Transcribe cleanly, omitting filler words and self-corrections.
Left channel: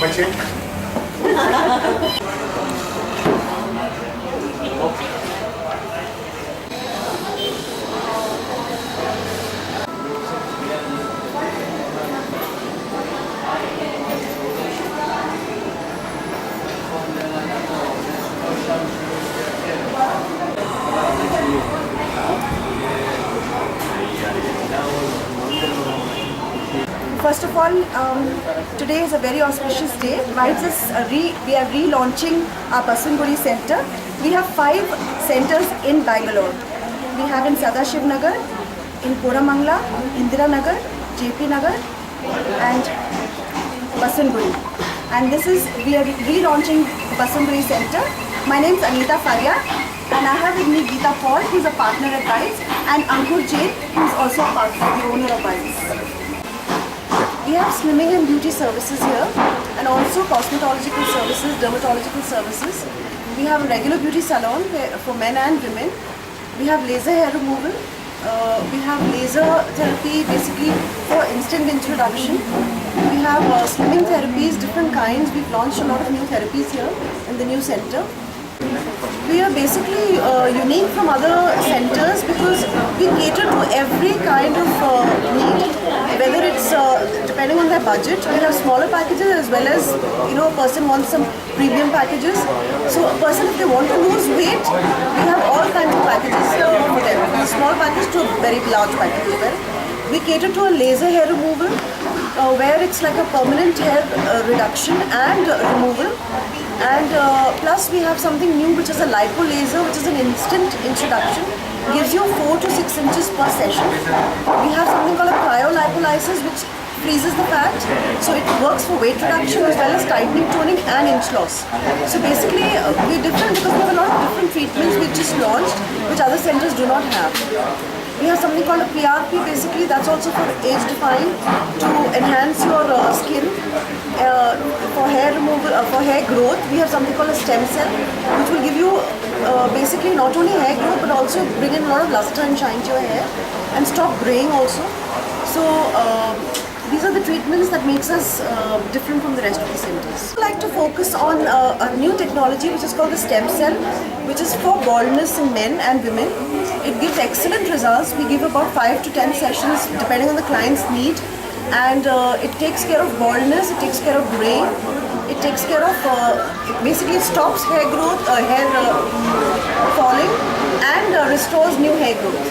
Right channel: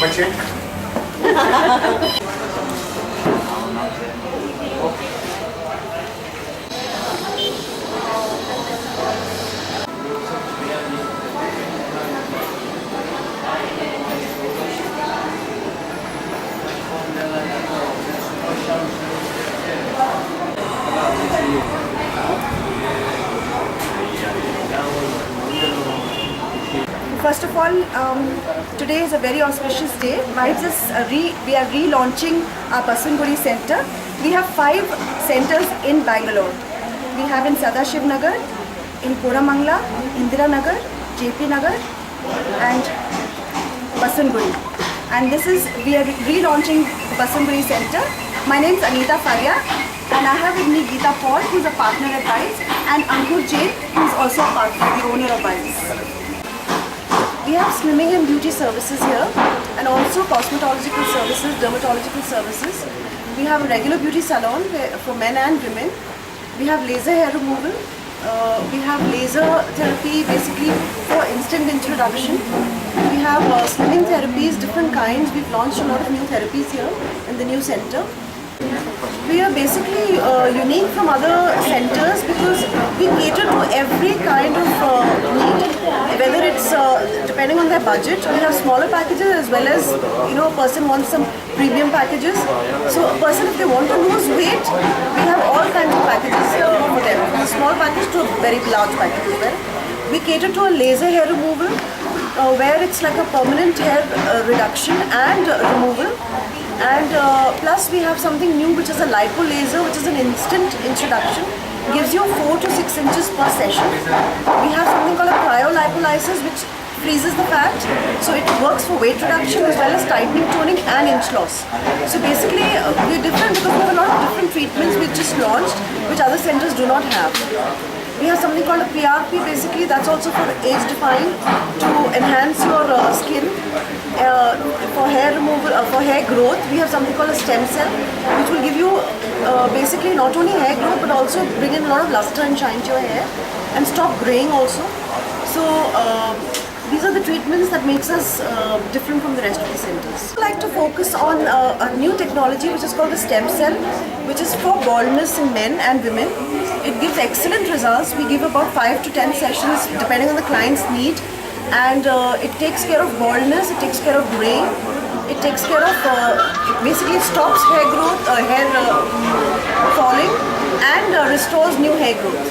Bachchan. First of all, today is a very auspicious day. We are relaunching our Baswantpuri Center. We have 5 centers in Bangalore. We have in Sadashiv Nagar, in Koramangala, Indira Nagar, JP Nagar, and Baswantpuri. And we are relaunching Baswantpuri Center. My name is Anita Faria, and I have with me Geeta Paul, who is a partner at Bites, and Ankur Jain, who is also a partner, the owner of Bites. We have slimming and beauty services here, and also cosmetological services, dermatological services. We have a regular beauty salon for men and women. We have laser hair removal. We have laser therapy basically for instant introduction. We have slimming therapies, different kinds. We've launched a lot of new therapies here in the new center. We are basically unique from other centers because we cater to every kind of need, whether it's depending on their budget. We have smaller packages as well as, a person wants some premium packages. So a person, if they want to lose weight, we have all kinds of packages for them, from a small package to a very large package as well. We cater to a laser hair removal where it's like a permanent hair reduction and removal. And plus we have something new, which is a lipo laser, which is an instant introduction. Gives you 4 to 6 inches per session. We have something called a cryolipolysis, which freezes the fat. So it works for weight reduction as well as tightening, toning and inch loss. So basically we're different because we have a lot of different treatments we just launched, which other centers do not have. We have something called a PRP, basically that's also for age defying, to enhance your skin. For hair removal, for hair growth, we have something called a stem cell, which will give you basically not only hair growth but also bring in a lot of luster and shine to your hair and stop graying also. So these are the treatments that makes us different from the rest of the centers. I like to focus on a new technology which is called the stem cell, which is for baldness in men and women. It gives excellent results. We give about 5 to 10 sessions depending on the client's need. And it takes care of baldness, it takes care of graying, it takes care of, basically it stops hair growth, hair falling and restores new hair growth.